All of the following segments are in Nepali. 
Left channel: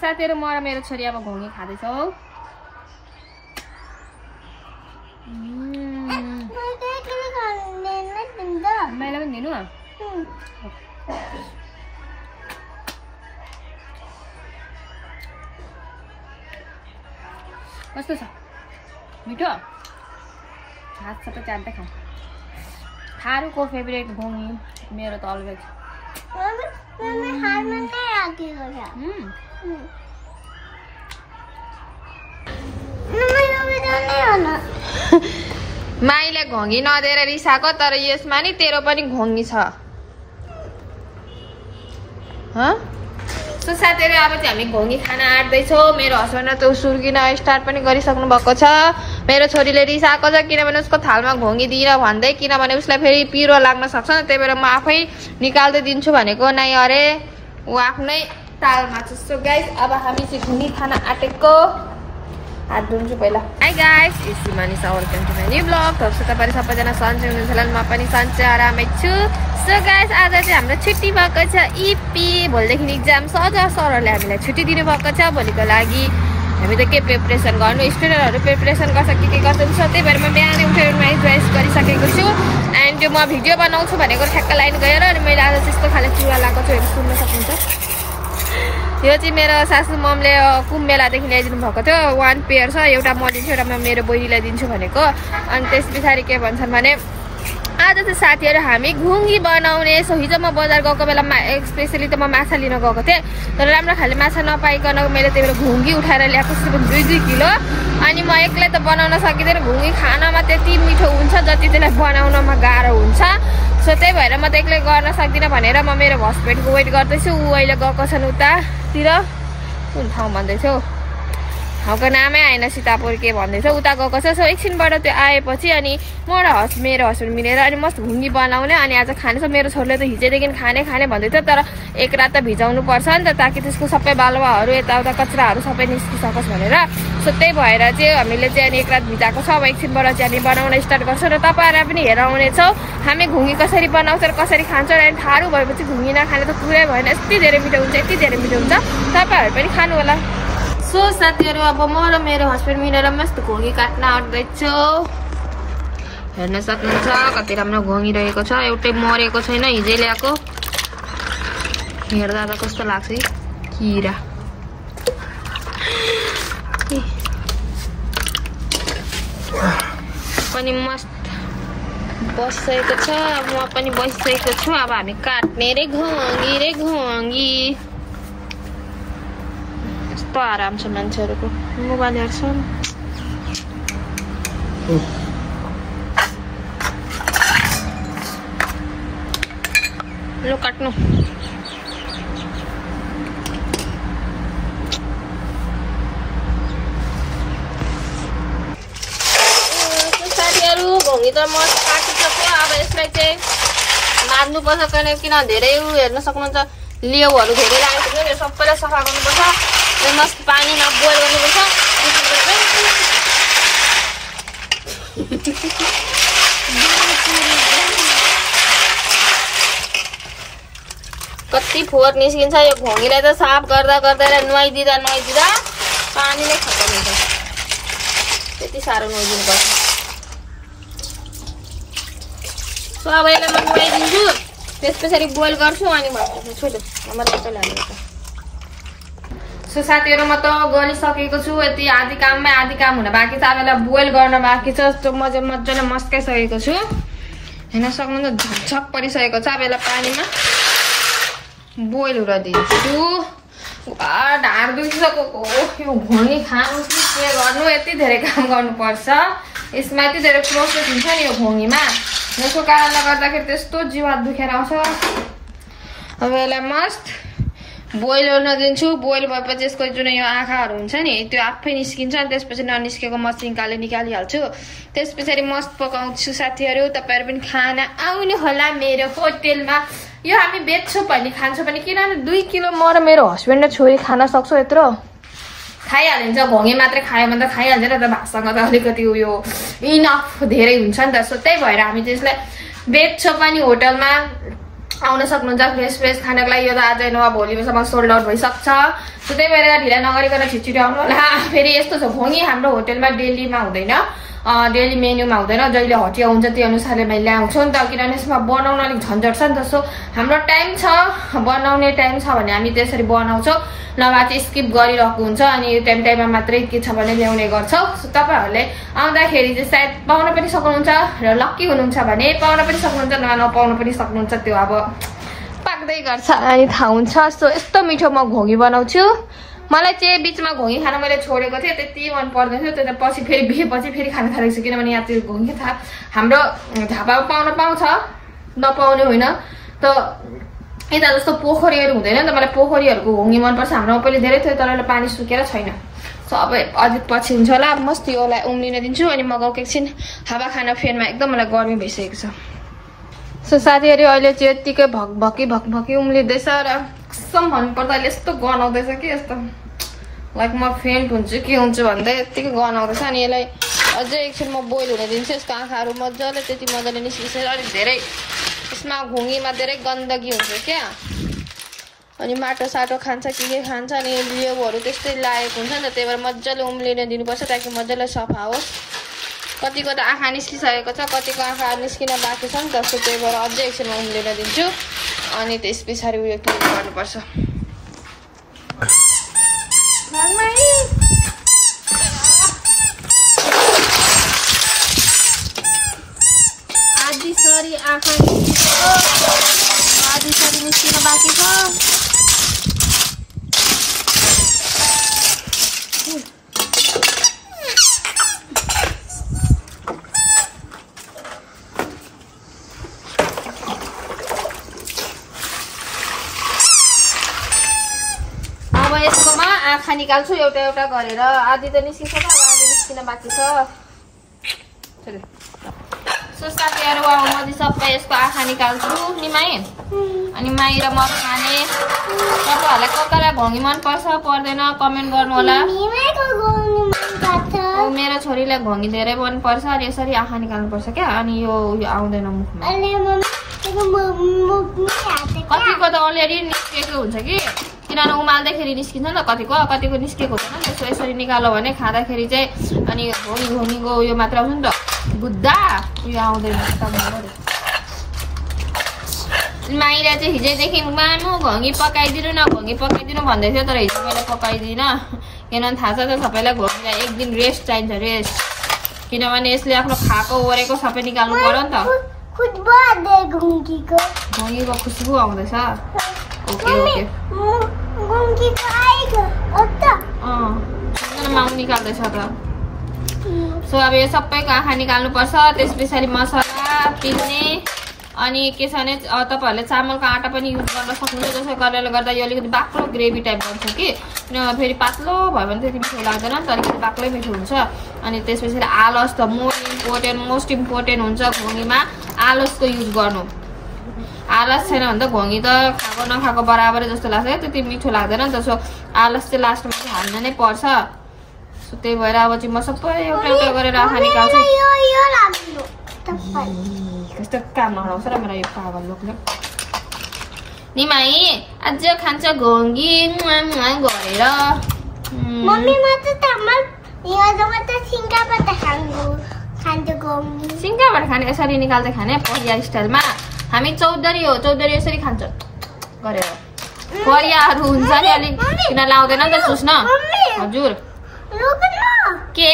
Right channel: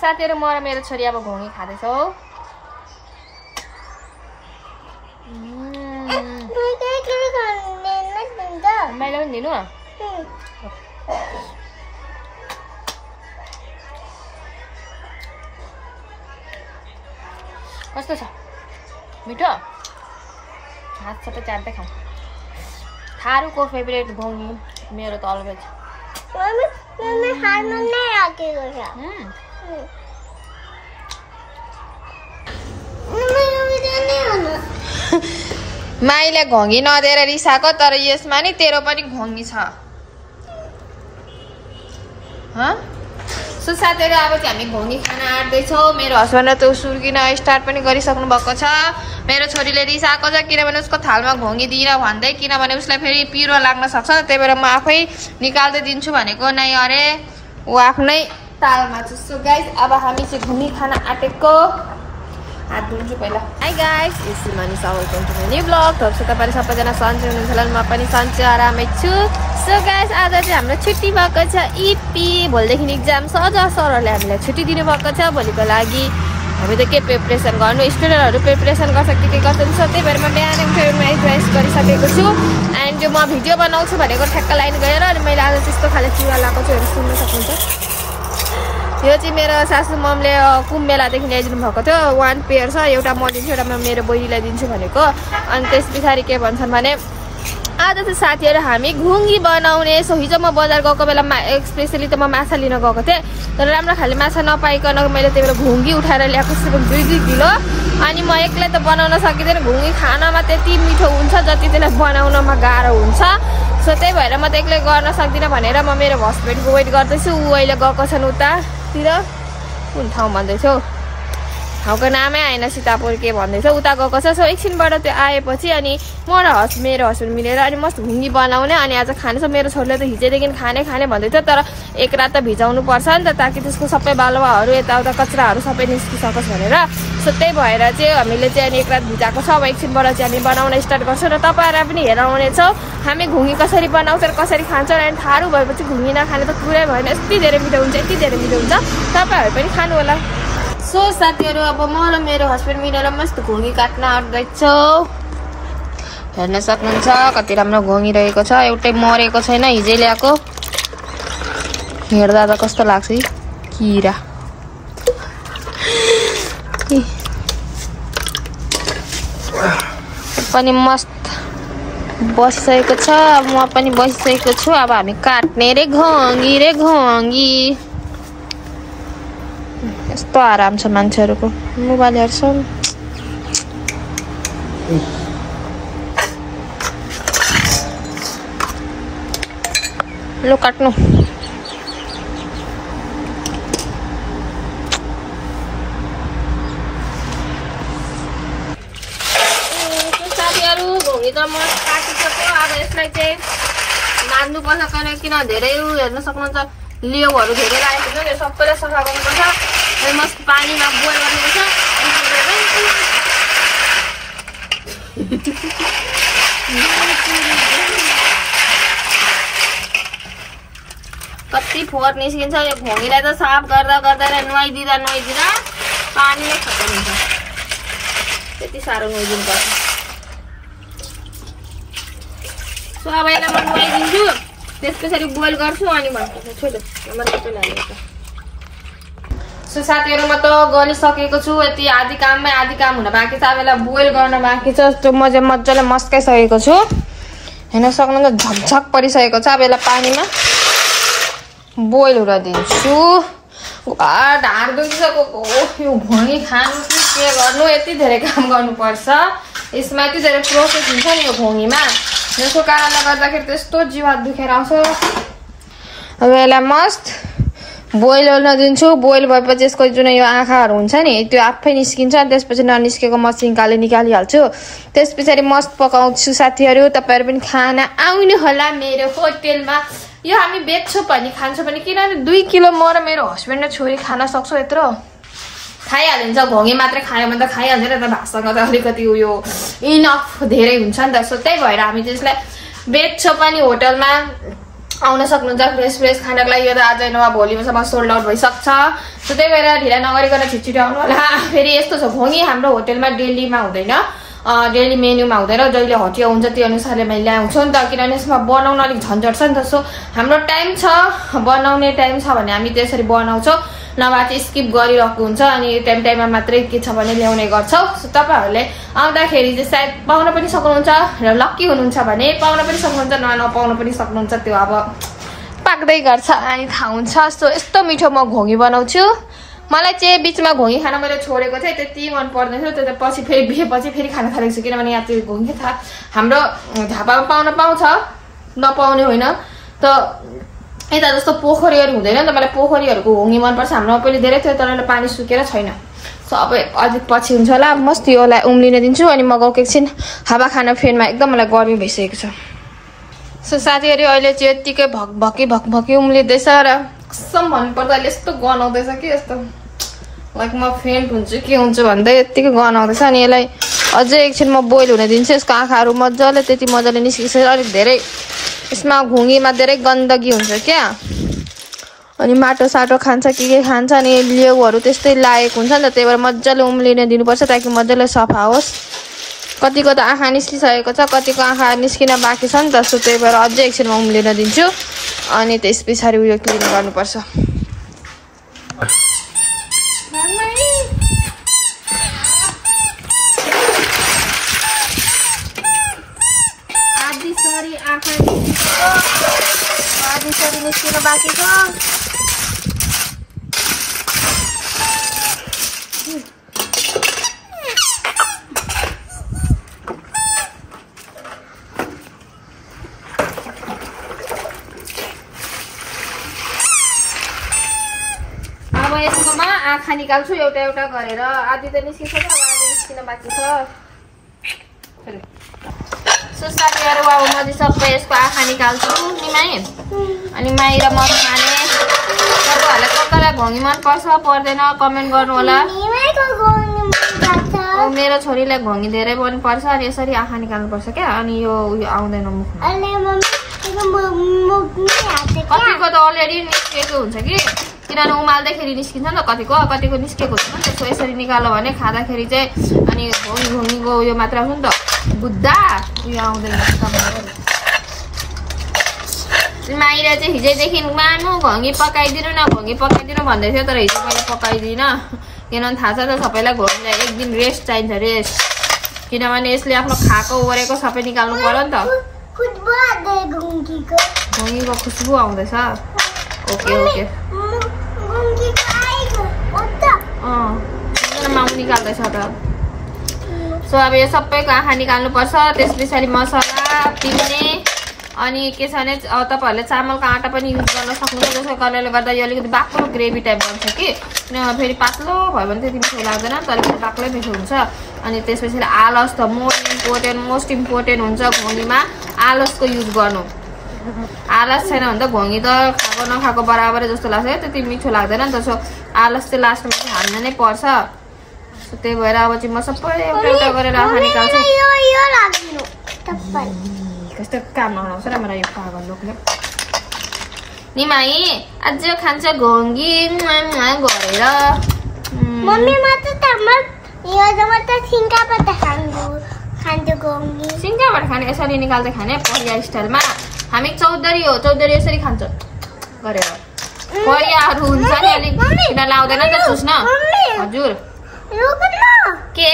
साथीहरु म र मेरो छोरी अब घोङ्गी खाँदैछौ मैले पनि दिनु कस्तो छ मिठो हात सबै चाट्दै खाऊ थारुको फेभरेट घोङ्गी मेरो त अलगै छ माइले घोङ्गी नदिएर रिसाको तर यसमा नि तेरो पनि घोङ्गी छ सो साथीहरु अब चाहिँ हामी घोङ्गी खाना आँट्दैछौँ मेरो हस्बेन्ड त सुर्किन स्टार्ट पनि गरिसक्नु भएको छ मेरो छोरीले रिसाएको छ किनभने उसको थालमा घोङ्गी दिएर भन्दै किनभने उसलाई फेरि पिरो लाग्न सक्छ त्यही भएर म आफै निकाल्दै दिन्छु भनेको नै अरे ऊ आफ्नै तालमा छ सो गाइस अब हामी चाहिँ घोङ्गी खाना आँटेको हात धुन्छु पहिला हाई गाइस इसी मानिस welcome to my new blog होप्छु तपाईहरु सबैजना सन्चै हुनुहुन्छ होला म पनि सन्चै आरामै छु सो गाइस आज चाहिँ हाम्रो छुट्टी भएको छ इपी भोलिदेखि एक्जाम सर सरहरूले हामीलाई छुट्टी दिनु भएको छ भोलिको लागि हामी त के प्रिपरेसन गर्नु स्टुडेन्टहरु प्रिपरेसन गर्छ के गर्छन् त्यही भएर म बिहानै उठेर माइ ड्रेस गरिसकेको छु एन्ड यो म भिडियो बनाउँछु भनेको ठ्याक्क लाइन गएर अनि मैले आज त्यस्तो खाले चुरा लाएको छु सुन्न सक्नुहुन्छ यो चाहिँ मेरो सासु ममले कुम्भ मेलादेखि ल्याइदिनु भएको थियो 1 पेयर छ एउटा म दिन्छु एउटा म मेरो बहिनीलाई दिन्छु भनेको अनि त्यस पछाडि के भन्छन् भने आज चाहिँ साथीहरु हामी घोङ्गी बनाउने सो हिजो म बजार गएको बेलामा स्पेशली त म माछा लिन गएको थिएँ तर राम्रो खाले माछा नपाइकन मैले त्यही भएर घोङ्गी उठाएर ल्याएको छु 2-2 किलो अनि म एक्लै त बनाउन सकिँदैन घोङ्गी खानमा त्यति मिठो हुन्छ जति त्यसलाई बनाउनमा गाह्रो हुन्छ सो त्यही भएर म त एक्लै गर्न सक्दिनँ भनेर म मेरो हस्बेन्डको वेट गर्दैछु ऊ अहिले गएको छन् उतातिर कुन ठाउँ भन्दैछु ठाउँको नामै आएन सीतापुर के भन्दैछ उता गएको छ सो एकछिनबाट त्यो आएपछि अनि म र मेरो हस्बेन्ड मिलेर अनि मस्त घोङ्गी बनाउने अनि आज खाने छ मेरो छोरीले त हिजोदेखि खाने भन्दै थियो तर एक रात त भिजाउनु पर्छ नि त ताकि त्यसको सबै बालुवाहरू यताउता कचराहरू सबै निस्किसकोस् भनेर सो त्यही भएर चाहिँ हामीले चाहिँ अनि एक रात भिजाएको छ अब एकछिनबाट चाहिँ हामी बनाउन स्टार्ट गर्छौँ र तपाईँहरूलाई पनि हेर आउनेछौँ हामी घोङ्गी कसरी बनाउँछ र कसरी खान्छ र थारू भएपछि घोङ्गी नखाने त कुरै भएन यति धेरै मिठो हुन्छ तपाईँहरू पनि खानु होला सो साथीहरु अब म र मेरो हस्बेन्ड मिलेर मस्त घोङ्गी काट्न आँट्दैछौँ हेर्न सक्नुहुन्छ कति राम्रो घोङ्गी रहेको छ एउटै मरेको छैन हिजै ल्याएको हेर्दा त कस्तो लाग्छ किरा पनि मस्त बसिसकेको छ अब म पनि बसिसकेको छु अब हामी काट्ने रे घोङ्गी यस्तो आराम छ मान्छेहरुको मोबाइल हेर्छन् लो काट्नु साथीहरु घोङ्गी त म काटिसकेँ अब यसलाई चाहिँ मार्नु पर्छ किन धेरै हेर्न सक्नुहुन्छ लेउहरू धेरै लागेको छ यो सबैलाई सफा गर्नुपर्छ मस्त पानीमा बोइल गर्नुपर्छ कति फोहोर निस्किन्छ यो घोङ्गीलाई त साफ गर्दा नुहाइदिँदा पानी नै खत्तम हुन्छ त्यति साह्रो नुहाइदिनु पर्छ सो अब यसलाई म नुहाइदिन्छु त्यसपछि बोइल गर्छु अनि भन्छु छोड्छु सो साथीहरु म त गरिसकेको छु यति आधी काममै आधी काम हुन बाँकी छ अब यसलाई बोइल गर्न बाँकी छ त्यो म चाहिँ मजाले मस्काइसकेको छु हेर्न सक्नुहुन्छ झकझक परिसकेको छ अब यसलाई पानीमा बोइल हुन दिन्छु ढाड दुखिसकेको यो घोङ्गी खानु कि के गर्नु यति धेरै काम गर्नुपर्छ यसमा यति धेरै प्रोसेस हुन्छ नि यो घोङ्गीमा यसको कारणले गर्दाखेरि त्यस्तो जिउ दुखेर आउँछ अब यसलाई मस्त बोइल हुन दिन्छु बोइल भएपछि यसको जुन यो आँखाहरू हुन्छ नि त्यो आफै निस्किन्छ अनि त्यसपछि ननिस्केको मसिन निकालिहाल्छु त्यस पछाडि मस्त पकाउँछु साथीहरु तपाईहरु पनि खाना आउनु होला मेरो होटलमा यो हामी बेच्छौं पनि खान्छौं पनि किनभने 2 किलो म र मेरो हस्बेन्ड र छोरी खान सक्छौ यत्रो खाइहालिन्छ घोङ्गी मात्रै खायो भने त खाइहाल्छ नि त भातसँग त अलिकति यो इनफ धेरै हुन्छ नि त सो त्यही भएर हामी त्यसलाई बेच्छौं पनि होटलमा आउन सक्नुहुन्छ फ्रेस फ्रेस खानको लागि। यो त आज नभए भोलिसम्म सोल्ड आउट भइसक्छ। सो त्यही भएर ढिला नगरिकन छिटछिटो आउनु होला। फेरि यस्तो छ घोङ्गी हाम्रो होटलमा डेलीमा हुँदैन, डेली मेन्युमा हुँदैन, जहिले हटिया हुन्छ त्यो अनुसारले मैले ल्याउँछु नि त, किनभने यसमा बनाउन अलिक झन्झट छ नि त। सो हाम्रो टाइम छ, बनाउने टाइम छ भने हामी त्यसरी बनाउँछौँ, नभए चाहिँ स्किप गरिरहेको हुन्छ अनि टाइममा मात्रै के छ भने ल्याउने गर्छौँ। सो तपाईँहरूले आउँदाखेरि चाहिँ सायद पाउन पनि सक्नुहुन्छ र लक्की हुनुहुन्छ भने पाउन पनि सक्नुहुन्छ, नपाउन पनि सक्नुहुन्छ, त्यो अब पाक्दै गर्छ अनि थाहा हुन्छ। सो यस्तो मिठो म घोङ्गी बनाउँछु। मलाई चाहिँ बिचमा घोङ्गी खान मैले छोडेको थिएँ, त्यति मन पर्दैन थियो, त्यो त पछि फेरि बिहेपछि फेरि खान थालेको छु, किनभने यहाँ त्यो घोङ्गी थाहा हाम्रो झापामा पाउन पाउँछ, नपाउने होइन त। यता जस्तो पोखरीहरू हुँदैन नि त, मलाई पोखरीहरूको घोङ्गी मनपर्छ। हाम्रोमा पहिले धेरै थियो तर अहिले पानी सुकेर छैन। सो अब अझै पछि हुन्छ होला। मस्त योलाई उम्लिन दिन्छु अनि मगाउँ एकछिन हावा खान फेनमा, एकदम मलाई गर्मी भइसकेको छ। सो साथीहरू अहिले चाहिँ यत्तिकै भक्भकी उम्लिँदैछ र कसम भन्नुपर्दा अहिले यस्तो गनाउँदैछ कि यस्तो लाइक म फेन्ट हुन्छु के हुन्छु भन्दै यत्तिकै गनाउँदैछ। अनि यसलाई अझै एकछिन म बोइल हुन दिन्छु। यसको आँखाहरू मजाले त्यति मजाले निस्किसक्छ। अलिक धेरै यसमा घोङ्गीमा धेरै गन्दगी हुन्छ क्या, अनि माटो साटो खान्छ के खान्छ, अनि लेउहरू त्यस्तै लागेको हुन्छ नि त। त्यही भएर मजाले उम्लिन दिनुपर्छ ताकि मजाले सफा होस्। कतिको त आँखा निस्किसकेको छ, कतिको आँखा निस्किन बाँकी छ नि त। सो त्यही भएर अझै एकछिनमा उम्लिन दिन्छु अनि त्यस पछाडि उयो क्लिन गर्नुपर्छ। आधी आँखा आधी सरी निस्किन बाँकी छ। अब यसकोमा आँखा निकाल्छु एउटा एउटा गरेर। आधी त निस्किसक्यो, अब आधी निस्किन बाँकी छ। सो साथीहरू अब म चाहिँ सबै यसको आँखा निकाल्छु नि माई, अनि माई र म खाने। तपाईँहरूलाई कसलाई घोङ्गी मनपर्छ पर्दैन कमेन्ट गर्नु होला। मेरो छोरीलाई घोङ्गी धेरै मनपर्छ अनि यसरी आँखा निकाल्नुपर्छ क्या, अनि यो उयो आउँदैन मुखमा। कतिको त अलरेडी निस्केको हुन्छ कि, किनभने उमाल्दाखेरि निस्किन्छ नि त, कतिको निस्केको हुँदैन नि त। सो यसरी निकाल्यो भने खाँदाखेरि चाहिँ अनि घोङ्गीको उयो मात्र आउँछ नि त, बुद्धा उयो आउँदैन। माइरा चाहिँ हिजोदेखि मानु घोङ्गी पकाइदिनु न, घोङ्गी पकाइदिनु भन्दै थियो, तर हिजो मैले पकाइदिनँ। किनभने थाहा छ त सबैलाई घोङ्गीलाई एक दिन रेस्ट चाहिन्छ, रेस्ट। किनभने यसले आफ्नो खाएको ओरेको सबै निकाल्नु पर्यो नि त। घोङ्गीको खुसबु आउँदैछ। ओके ओके माउ निकाल्दैछ त। सो अब यो सबैको आँखा निकाल्नुपर्छ। त्यस पछाडि मसला पिस्ने अनि के छ भने तपाईँहरूले चामलको आँटा पनि युज गर्न सक्नुहुन्छ। जसको कारणले गर्दा यो अलिकति बाक्लो ग्रेभी टाइप बन्छ कि, फेरि पातलो भयो भने त्यति मिठो लाग्दैन, तर फेरि बाक्लै मिठो हुन्छ। अनि त्यस पछाडि आलस त मोस्ट इम्पोर्टेन्ट हुन्छ घोङ्गीमा, आलसको युज गर्नु। आलस छैन भने त घोङ्गी त खाएको नखाएको बराबरै जस्तो लाग्छ क्या, त्यति मिठो लाग्दैन नि त। सो आलस चाहिँ लास्टमा चाहिँ हाल्न नै पर्छ। सो त्यही भएर अब चाहिँ म सबै एउटा एउटा गरेर आँखा निकाल्छु। कस्तो काम आउँछ र मेरो यो पागल लोकले। नि माई अझ खान्छ घोङ्गी गरेर। सिङ्गाबाट खाने यसरी निकाल्दै खाने परिया स्टाइलमा। हामी चौधरी हो, चौधरी यसरी खान्छ गरेर। परियाहरू हुन्छ नि अलिक किन लाउँदैन नि त चुस्न। हजुर के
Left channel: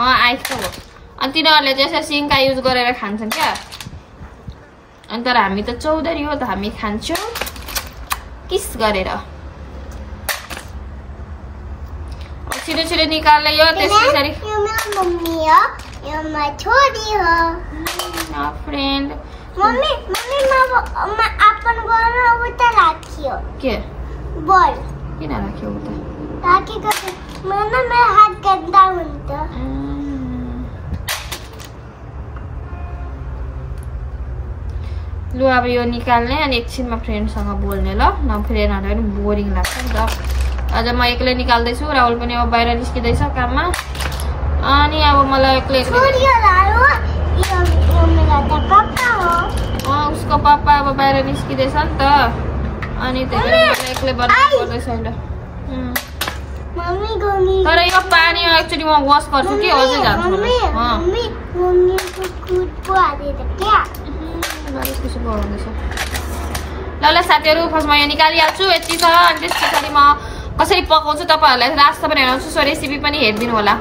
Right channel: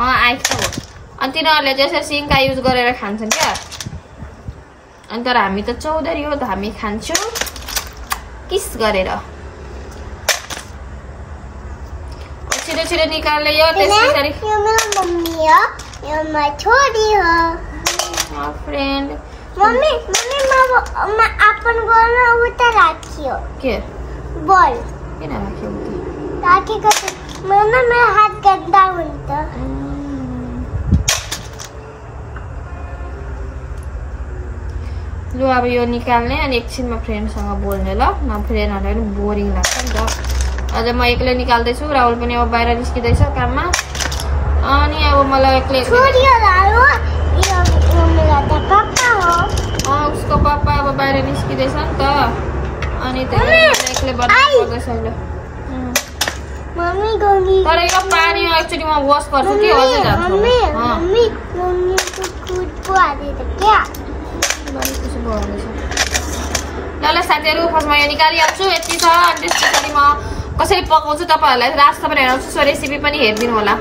आइसो हो। अनि तिनीहरूले चाहिँ यसरी सिङ्का युज गरेर खान्छन् क्या। अनि तर हामी त चौधरी हो त, हामी खान्छौँ किस गरेर। छिटो छिटो निकाल्ने यो। त्यस पछाडि फ्रेन्ड मम्मी अपन गर्न उता राखियो के बल किन राख्यो उता राखेको मेरो हात गन्दा हुन्छ। लु अब यो निकाल्ने अनि एकछिनमा फ्रेन्डसँग बोल्ने ल, न फ्रेन्डहरूलाई पनि बोरिङ लाग्छ नि त। आज म एक्लै निकाल्दैछु, राहुल पनि अब बाहिर निस्किँदैछ काममा। अनि अब मलाई एक्लै उसको पापा अब बाहिर निस्किँदैछ नि त अनि त्यसले मलाई एक्लै बनाउनु पर्दैछ अहिले तर यो पानी एक्चुअली म वास गर्छु कि अझै जान्छ ल साथीहरू फर्स्ट म यहाँ निकालिहाल्छु यति छ अनि त्यस पछाडि म कसरी पकाउँछु तपाईँहरूलाई रास्ता पनि हेर्छु सो रेसिपी पनि हेरिदिनु होला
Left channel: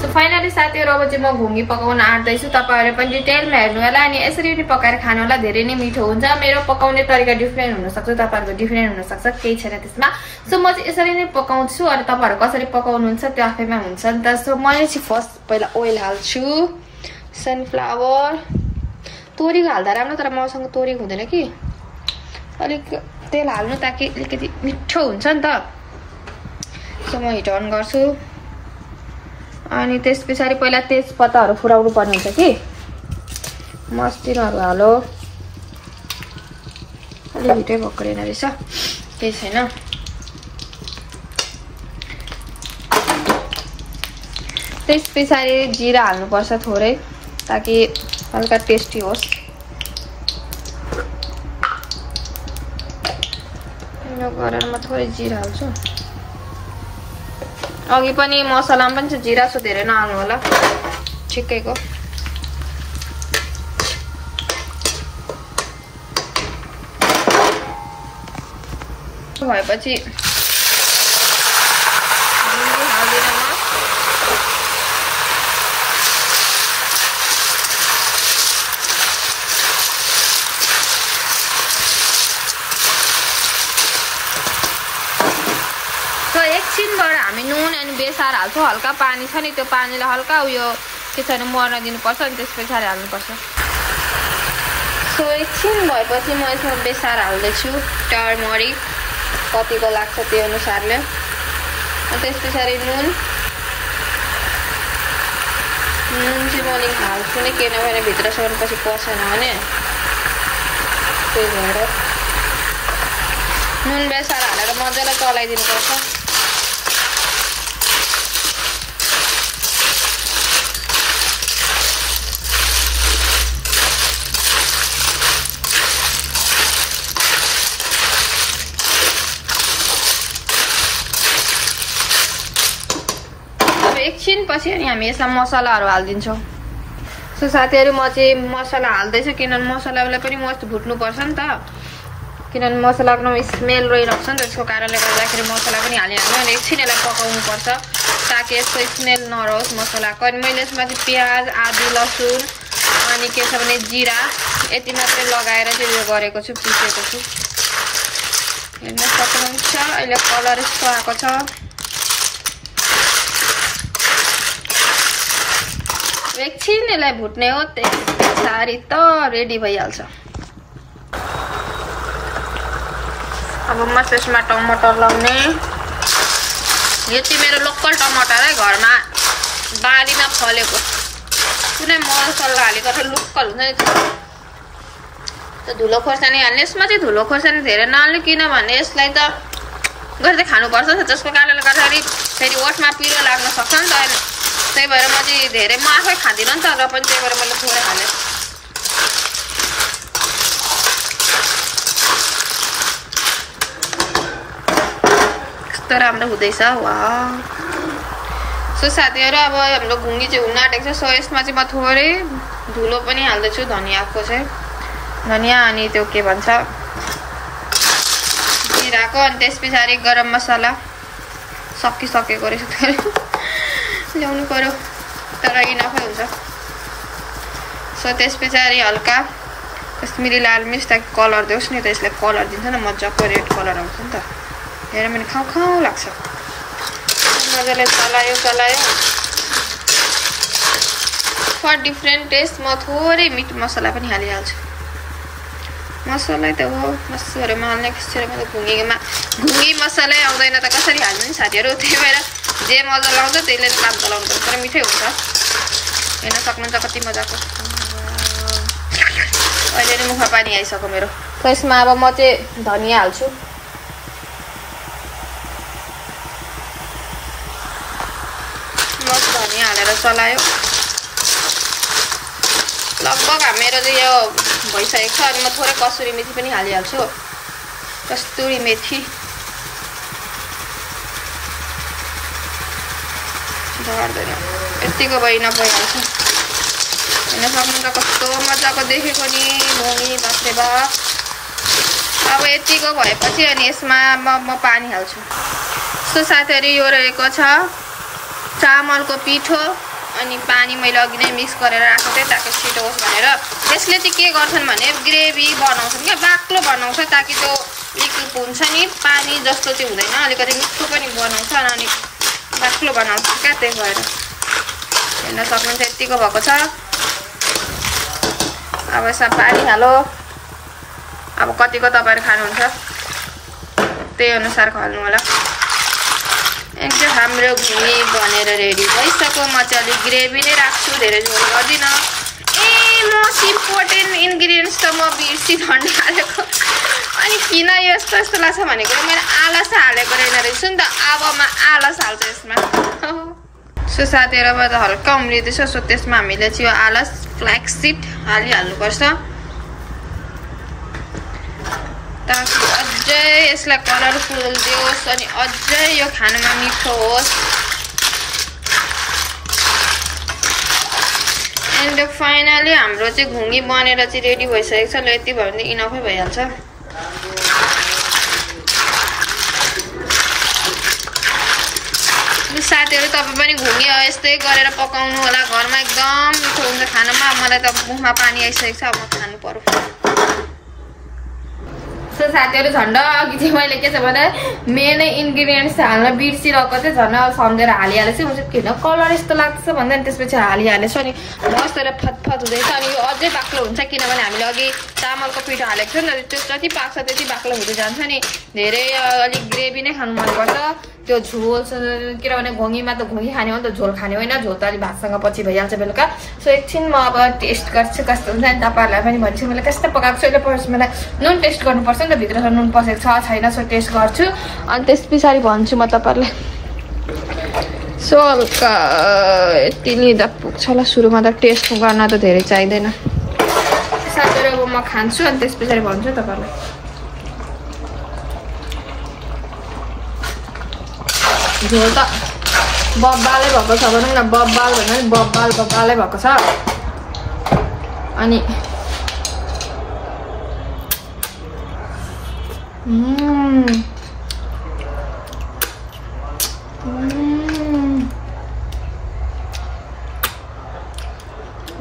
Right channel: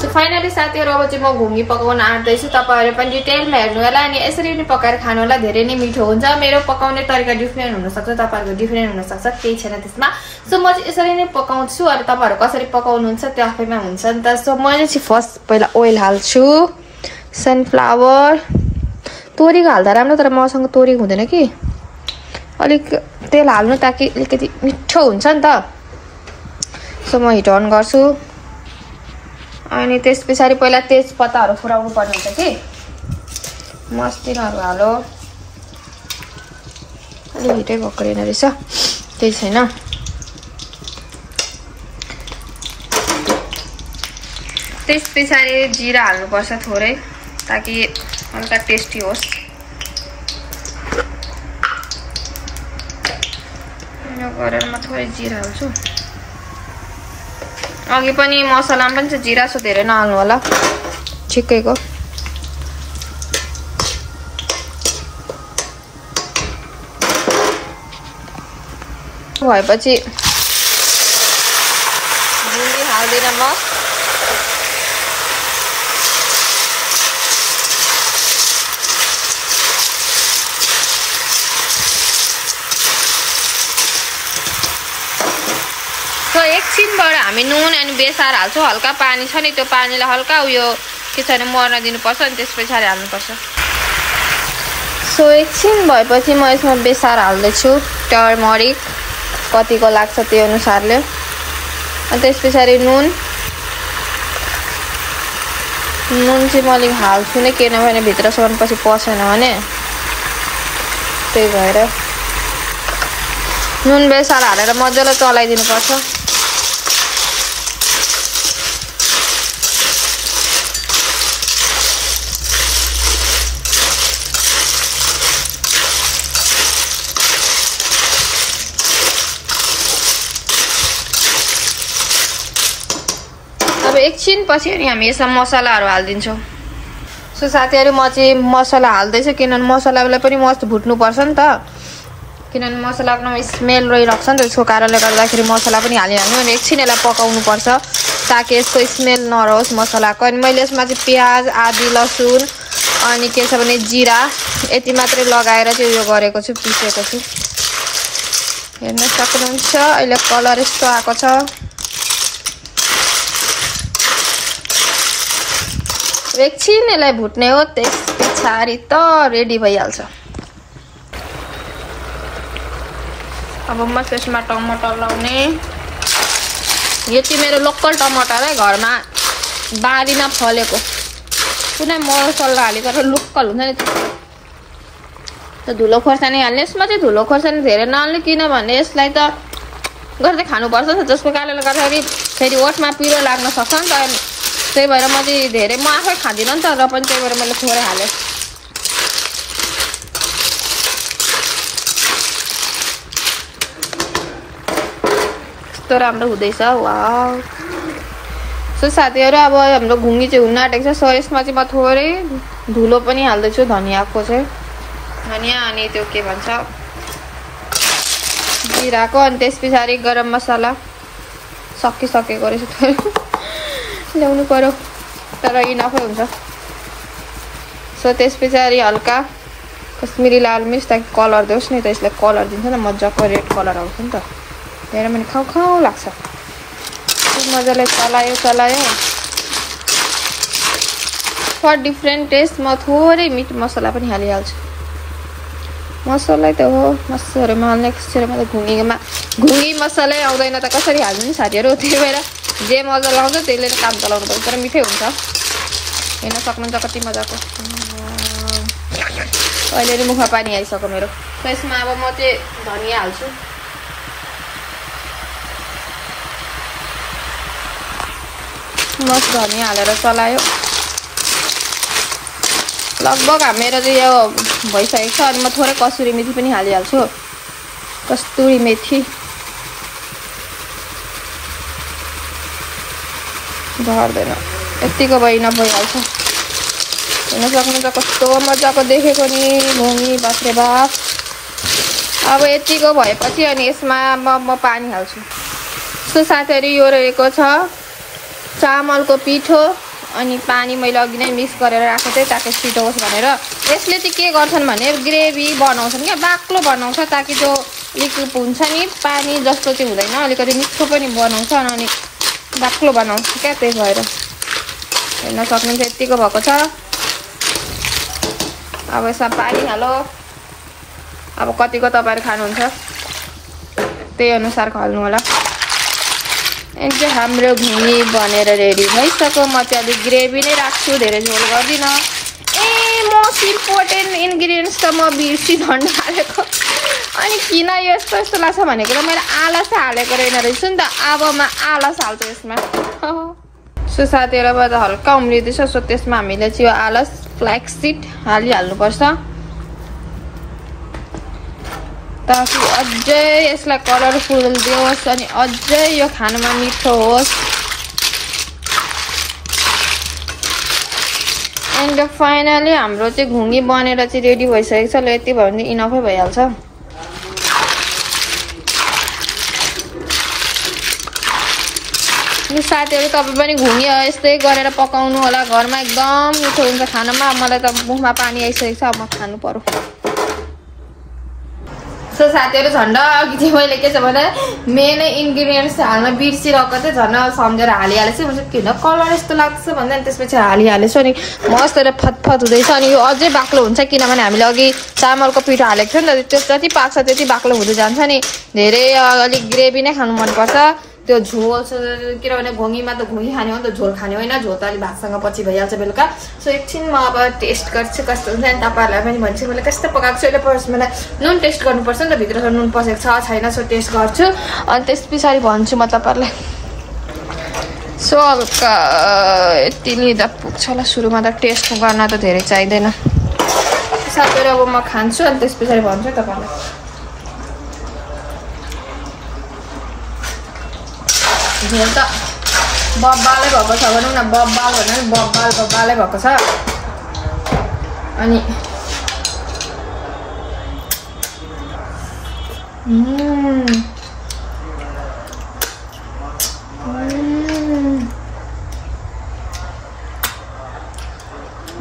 सो फाइनली साथीहरू अब चाहिँ म घुङ्गी पकाउन आँट्दैछु तपाईँहरू पनि डिटेलमा हेर्नु होला अनि यसरी नै पकाएर खानु होला धेरै नै मिठो हुन्छ मेरो पकाउने तरिका डिफ्रेन्ट हुनसक्छ तपाईँहरूको डिफ्रेन्ट हुनसक्छ केही छैन त्यसमा सो म चाहिँ यसरी नै पकाउँछु अनि तपाईँहरू कसरी पकाउनुहुन्छ त्यो आफैमा हुन्छ नि त सो मैले चाहिँ फर्स्ट पहिला ओइल हाल्छु सनफ्लावर तोरीको हाल्दा राम्रो तर मसँग तोरीको हुँदैन कि अलिक तेल हाल्नु ताकि अलिकति मिठो हुन्छ नि त सो म हिट अन गर्छु अनि त्यस पछाडि पहिला तेजपत्ताहरू फुराउनु पर्ने हुन्छ कि मस्तिनहरू हालो अलि हिटै भएको रहेन रहेछ केही छैन त्यस पछाडि जिरा हाल्नुपर्छ थोरै ताकि हल्का टेस्टी होस् यो गरेर म थोरै जिरा हाल्छु अघि पनि मसलामा पनि छ जिरा सो धेरै नहाल्नु होला ठिकैको भएपछि हाल्दिन म एकछिनबाट हामी नुन अनि बेसार हाल्छौँ हल्का पानी छ नि त्यो पानीलाई हल्का उयो के छ भने मर्न दिनुपर्छ अनि त्यस पछाडि हाल्नुपर्छ सो एकछिन भएपछि म यसमा बेसार हाल्दैछु टर्मरिक कतिको लाग्छ त्यो अनुसारले अनि त्यस पछाडि नुन चाहिँ म अलिक हाल्छु नै किनभने भित्रसम्म पछि पसेन भने त्यही भएर नुन बेसार हालेर मजाले चलाइदिनुपर्छ एकछिन पछि अनि हामी यसमा मसलाहरू हाल्दिन्छौँ सो साथीहरू म चाहिँ मसला हाल्दैछु किनभने मसलालाई पनि मस्त भुट्नुपर्छ नि त किनभने मसलाको स्मेल रहिरहेको छ नि त त्यसको कारणले गर्दाखेरि मसला पनि हालिहाल्नु अनि एकछिन यसलाई पकाउनुपर्छ ताकि यसको स्मेल नरहोस् मसलाको अनि मैले यसमा चाहिँ प्याज आदि लसुन अनि के छ भने जिरा यति मात्रै लगाएर चाहिँ उयो गरेको छु पिसेको छु हेर्न सक्नुहुन्छ अहिले कलर यस्तो आएको छ एकछिन यसलाई भुट्ने हो त्यस पछाडि त रेडी भइहाल्छ अब म त्यसमा टमाटर लाउने यो चाहिँ मेरो लोकल टमाटर है घरमा बारीमा फलेको कुनै मसला हालेको लोकल हुन्छ नि त्यो धुलो खोर्सानी हाल्ने यसमा चाहिँ धुलो खोर्सानी धेरै नहाल्ने किनभने यसलाई त गर्दै खानुपर्छ नि जसको कारणले गर्दाखेरि फेरि ओठमा पिरो लाग्न सक्छ नि त त्यही भएर म चाहिँ धेरै म आफै खाँदिनँ नि त र पनि त्यही भएर मैले थोरै हालेँ कस्तो राम्रो हुँदैछ वाउ सो साथीहरू अब हाम्रो घुङ्गी चाहिँ हुन आँटेको छ सो यसमा चाहिँ म थोरै धुलो पनि हाल्दैछु धनियाँको चाहिँ धनियाँ अनि त्यो के भन्छ जिराको अनि त्यस पछाडि गरम मसला सकिसकेको रहेछ ल्याउनु पर्यो तर इनफै हुन्छ सो त्यस पछाडि हल्का कश्मिरी लाल मिर्च ताकि कलर दियोस् नि त यसलाई कलर दिन्छ नि मजाको रेड कलर आउँछ नि त हेर मैले खाउ खाउ लाग्छ मजाले चलायो फर डिफ्रेन्ट टेस्ट म थोरै मिट मसला पनि हालिहाल्छु मसला त हो मसलाहरूमा हाल्ने कसरी मैले घुङ्गी मसलै आउँदैन त कसरी हाल्नु नि साथीहरू त्यही भएर जे मजा लाउँछ त्यसले काम चलाउनु पर्छ तर मिठै हुन्छ हेर्न सक्नुहुन्छ कति मजाको अहिले नि मुखमा पानी आइसक्यो मेरो त्यसमा अब म चाहिँ धनियाँ हाल्छु मस्त धनियाँ हालेर चलायो लगभग मेरो चाहिँ यो भइसकेको छ। अनि म थोरै कसुरी मेथी पनि हालिहाल्छु। कस्तुरी मेथी झर्दैन, यतिको भइ नभइहाल्छ। हेर्न सक्नुहुन्छ कस्तो मजाको देखेको नि घोगी, बाफ्रे बाफ। अब यतिको भएपछि अनि यसमा म पानी हाल्छु। सो साथीहरु यो रहेको छ चामलको पिठो अनि पानी मैले अघि नै मिक्स गरेर राखेको थिएँ ताकि छिटो होस् भनेर। यसले चाहिँ के गर्छन् भने ग्रेभी बनाउँछन् क्या, बाक्लो बनाउँछ ताकि त्यो लिक्विड हुन्छ नि पानी जस्तो चाहिँ हुँदैन, अलिकति मिठो पनि बनाउँछ अनि बाक्लो बनाउँछ क्या। त्यही भएर हेर्न सक्नुहुन्छ यतिको भएको छ। अब यसमा पानी हालो। अब कतिको तपाईहरु खानुहुन्छ त्यही अनुसार हाल्नु होला। एकदम हाम्रो घुमी बनेर रेडी भइसक्यो। म चाहिँ अलि ग्रेभी नै राख्छु, धेरै झोल गर्दिन। मोस्ट इम्पोर्टेन्ट इन्ग्रेडियन्ट्स त म बिर्सी झन्डा हालेको। अनि किन यस्तो यस्तो लाग्छ भनेको मैले आलस हालेको रहेछ नि त। अब म आलस हाल्छु यसमा। सो साथीहरु अब हल्का उम्लिँदैछ। सो त्यसमा हामीले चाहिँ यो आलस फ्ल्याक्स सीड हालिहाल्नुपर्छ ताकि अझै यसलाई कलरफुल दियोस् अनि अझै यो खानामा मिठो होस्। एन्ड फाइनली हाम्रो चाहिँ घुङ्गी बनेर चाहिँ रेडी भइसकेको छ। ल यति भयो भने इनफै भइहाल्छ। साथीहरु तपाईं पनि घुङ्गी यस्तै गरेर पकाउनु होला घरमा, एकदम मिठो हुन्छ खानामा। मलाई त मुखमा पानी आइसकेको छ, अब म खानु पर्यो। सो साथीहरु झन्डा अघि चाहिँ मैले के छ भने मेन इन्ग्रेडियन्ट्स हाल्न बिर्सिरहेको थिएँ, झन् सम्झेर हालिहालेछु। म चाहिँ किन कलर यस्तो लाग्छ भन्दा त्यसपछि हालिहालेछु अनि मस्त फतफत हुँदैछ। अनि यो अझै बाक्लो हुन्छ किनभने हामीले अघि चामलको पिठो हालेको थियो नि त, त्यो जति पाक्छ त्यति बाक्लो हुँदै जान्छ नि। धेरै अलिक ग्रेभी नै खानु मनपर्छ, त्यो झोल किनभने घोङीमा त घोङी खाने हो नि त, झोल खाने होइन। झोल त अलिक भातसँग पछि भइहाल्छ बेलुका। सो एकछिन म अब टेस्ट गर्छु कस्तो हुन्छ नि। तपाईँहरूलाई पनि भन्छु मैले कस्तो पकाएको छु। अहिले मलाई नुन टेस्ट गर्नुपर्छ नि त, भित्र नुन पसेको छ छैन। सो टेस्ट गर्छु अनि त्यस पछाडि भन्छु म तपाईँहरूलाई। सो हल्का यति लिँदा पुग्छ होला। सुरुमा त टेस्ट गर्न त धेरै चाहिँदैन। साथीहरु अब म खान्छु अनि त्यस पछाडि भन्छु तपाईँहरूलाई। झोल त बब्बालै भएको छ भनौँ न, बब्बाल भन्दा पनि बब्बालै भएको छ। अनि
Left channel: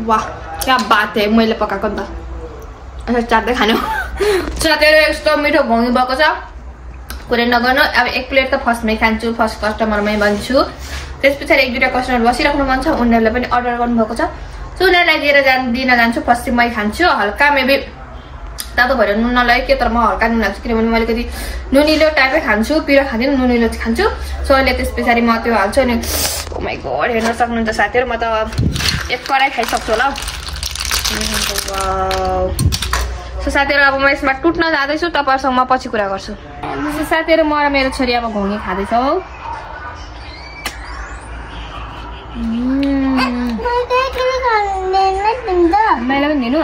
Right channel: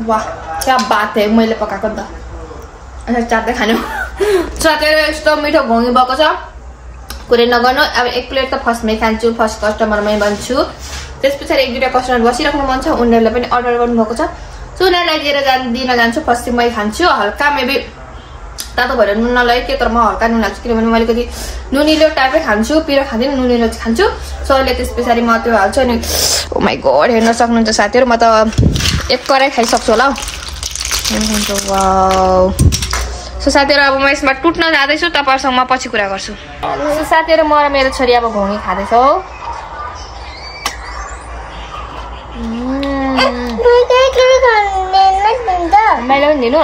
वाह क्या बात है, मैले पकाएको नि त। अनि चाट्दै खानु। साथीहरु यस्तो मिठो घोङ्गी भएको छ कुरै नगर्नु। अब एक प्लेट त फर्स्टमै खान्छु, फर्स्ट कस्टमरमै भन्छु। त्यस पछाडि एक दुईटा कस्टमर बसिराख्नु मन छ, उनीहरूलाई पनि अर्डर गर्नुभएको छ। सो उनीहरूलाई दिन जान्छु। फर्स्ट चाहिँ मै खान्छु हल्का, मेबी तातो भएर नुन नलागे के, तर म हल्का नुन हाल्छु किनभने म अलिकति नुनिलो टाइपै खान्छु, पिरो खाँदिनँ, नुनिलो खान्छु। सो अहिले त्यस पछाडि म त्यो हाल्छु। अनि ओ माई गॉड हेर्न सक्नुहुन्छ साथीहरु, म त एक कराई खाइसक्छु होला। वाउ। सो साथीहरु अब म यसमा टुट्न जाँदैछु, तपाईहरुसँग म पछि कुरा गर्छु। सो साथीहरु म र मेरो छोरी अब घोङ्गी खाँदैछौ। मैले पनि दिनु।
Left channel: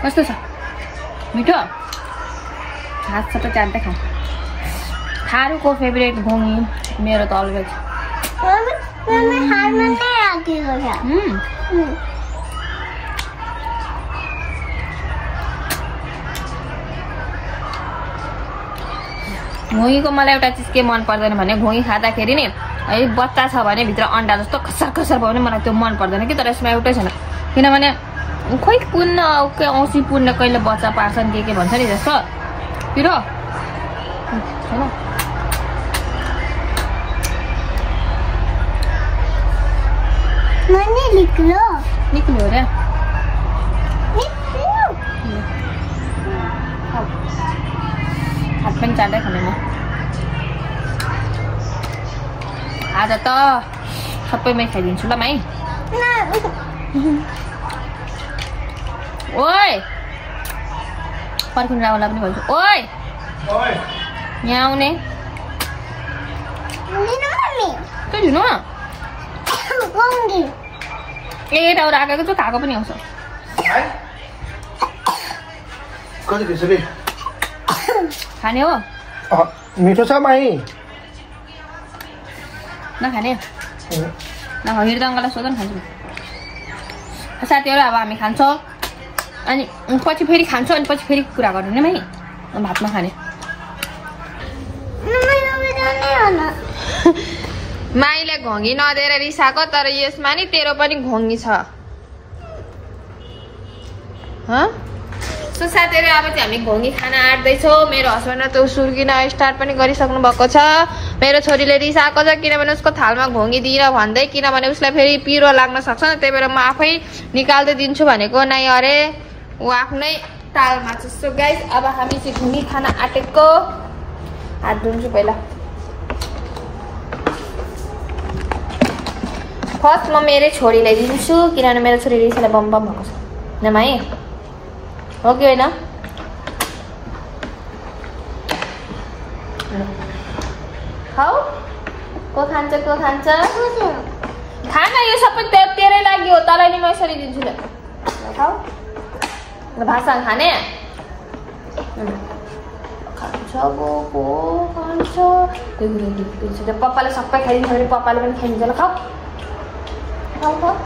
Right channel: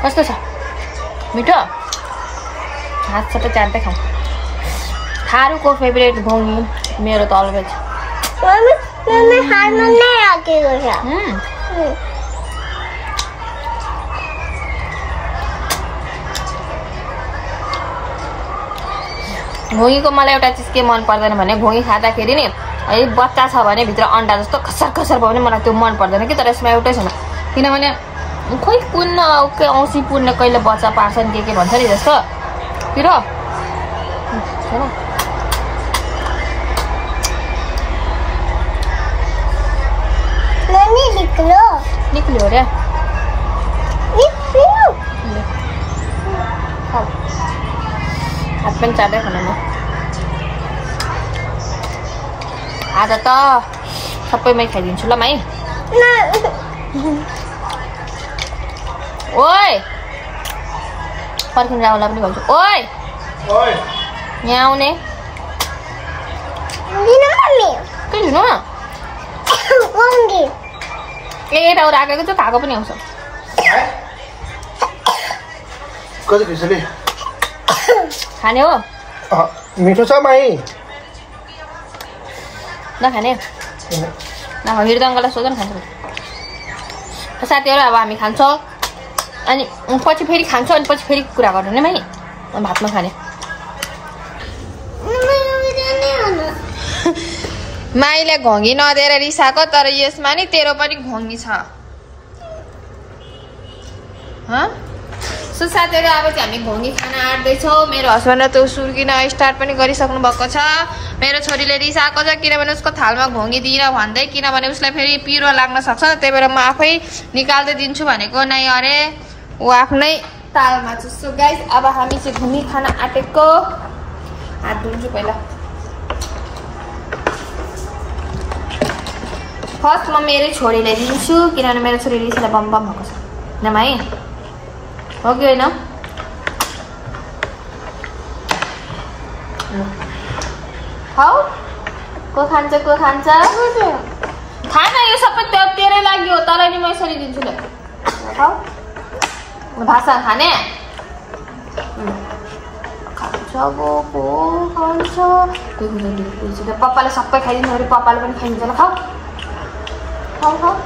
कस्तो छ मिठो? हात सबै चाट्दै खाऊ। थारूको फेभरेट घोङ्गी मेरो त अलगै छ। घोङ्गीको मलाई एउटा चिज के मन पर्दैन भने घोङ्गी खाँदाखेरि नि है बच्चा छ भने भित्र अन्डा जस्तो खसर खसर भयो भने मलाई त्यो मन पर्दैन कि। तर यसमा एउटै छैन किनभने खोइ कुन औँसी पुर्ने कहिले बच्चा पार्छन् के भन्छ नि जस्तो पिरो छैन। निक्ल्यो रे हात पनि चाट्दै खाने म। आज त सबैमै खाइदिन्छु ल माइ। ओइ पर्खिनु राहुललाई पनि भन्छु, ओइ यहाँ आउने किन मम्मी के जुनु ओंगी एउटा राखेको चाहिँ खाएको पनि आउँछ कति खिचडी खाने हो मिठो छ माई नखाने नखाने त अङ्कललाई सोध न खान्छ साथीहरू अब हामी खान्छौँ अनि पछि फेरि खान्छौँ अनि पछि फेरि कुरा गर्नु नि माई भातमा खाने माईले घोङ्गी नदिएर रिसाएको तर यसमा नि तेरो पनि घोङ्गी छ सो साथीहरू अब चाहिँ हामी घोङ्गी खाना आँट्दैछौँ मेरो हस्बेन्ड त सुर्किन स्टार्ट पनि गरिसक्नु भएको छ मेरो छोरीले रिसाएको छ किनभने उसको थालमा घोङ्गी दिएर भन्दै किनभने उसलाई फेरि पिरो लाग्न सक्छ त्यही भएर म आफै निकाल्दै दिन्छु भनेको नै अरे ऊ आफ्नै तालमा छ सो गाइस अब हामी चाहिँ घोङ्गी खाना आँटेको हात धुन्छु पहिला फर्स्ट म मेरै छोरीलाई दिन्छु किनभने मेरो छोरी रिसालाई बम बम भएको छ नमाई हो कि होइन खाऊ को खान्छ खाना यो सबै तेरै लागि हो तँलाई नि म यसरी दिन्छु ल खाऊ भाषा खाने खान्छ को खान्छ त्यो पप्पाले सबै खाइदिन्छ फेरि पप्पाले पनि खाइदिन्छ ल खाऊ खाऊ खाऊ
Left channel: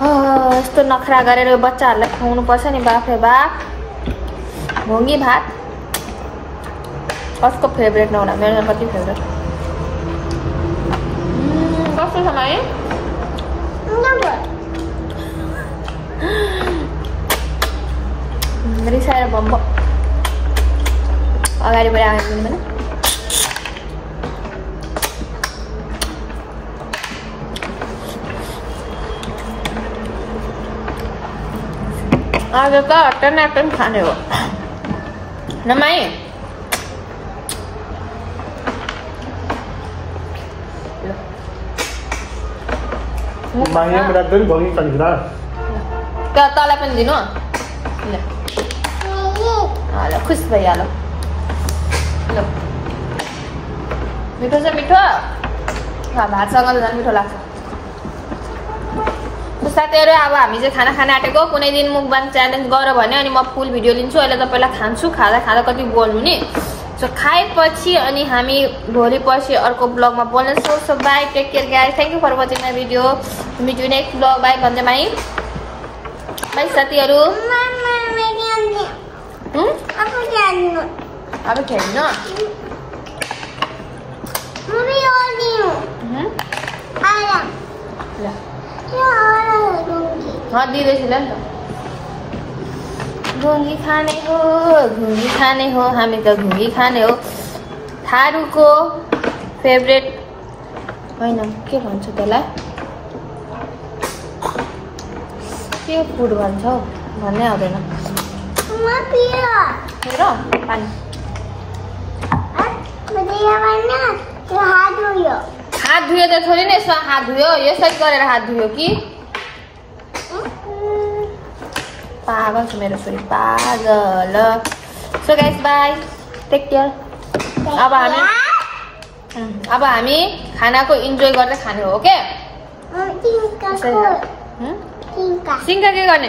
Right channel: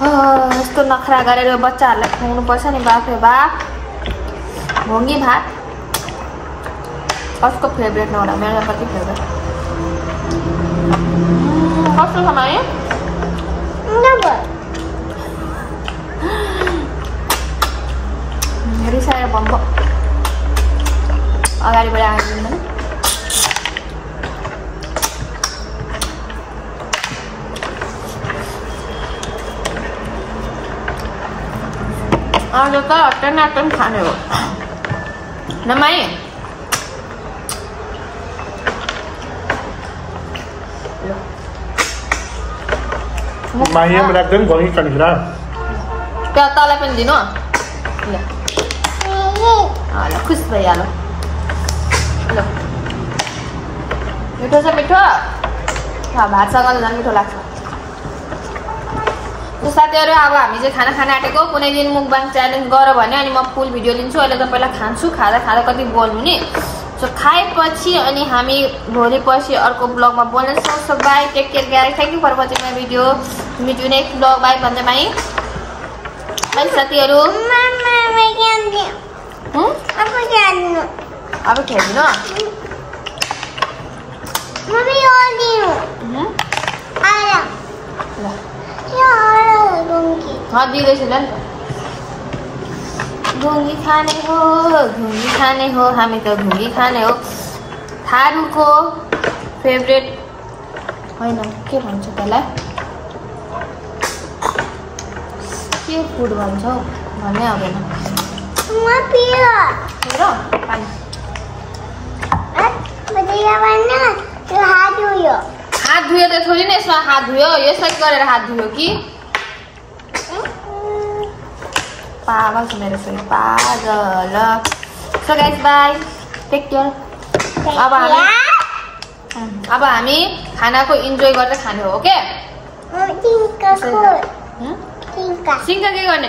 यस्तो नखरा गरेर बच्चाहरूलाई खुवाउनु पर्छ नि बाफे बाफ घोङ्गी भात कसको फेभरेट नहोला मेरो कति फेभरेट कस्तो छ माई रिसाएर बम्ब अगाडिबाट आइदिनु भने आज त अटन खाने हो नमाई माया मेरा एकदम घोङ्गी खानेर क्या तँलाई पनि दिनु ल ल खुस भइहाल्यो ल मिठो छ मिठो भातसँग त झन् मिठो लाग्छ साथीहरू अब हामी चाहिँ खाना खान आँटेको कुनै दिन मुकबाङ च्यालेन्ज गर भने अनि म फुल भिडियो लिन्छु अहिले त पहिला खान्छु खाँदा खाँदा कति बोल्नु नि सो खाएपछि अनि हामी भोलि पछि अर्को ब्लगमा बोल्नेछौँ so bye take care guys thank you for watching my video meet you next blog bye भन्छ माई बाई साथीहरू अब खेल्नु ल दिँदैछु ल नि त घोङ्गी खाने हो हामी त घोङ्गी खाने हो थारूको फेभरेट होइन के भन्छ त्यसलाई के फुड भन्छ हौ भन्नै आउँदैन पानी हात धुयो त छोरी नै यसमा हात धुयो यसरी गरेर हात धुयो कि पागल छ मेरो छोरी पागल so guys bye take care अब हामी खानाको इन्जोय गर्दै खाने हो ओके सिङ्का के गर्ने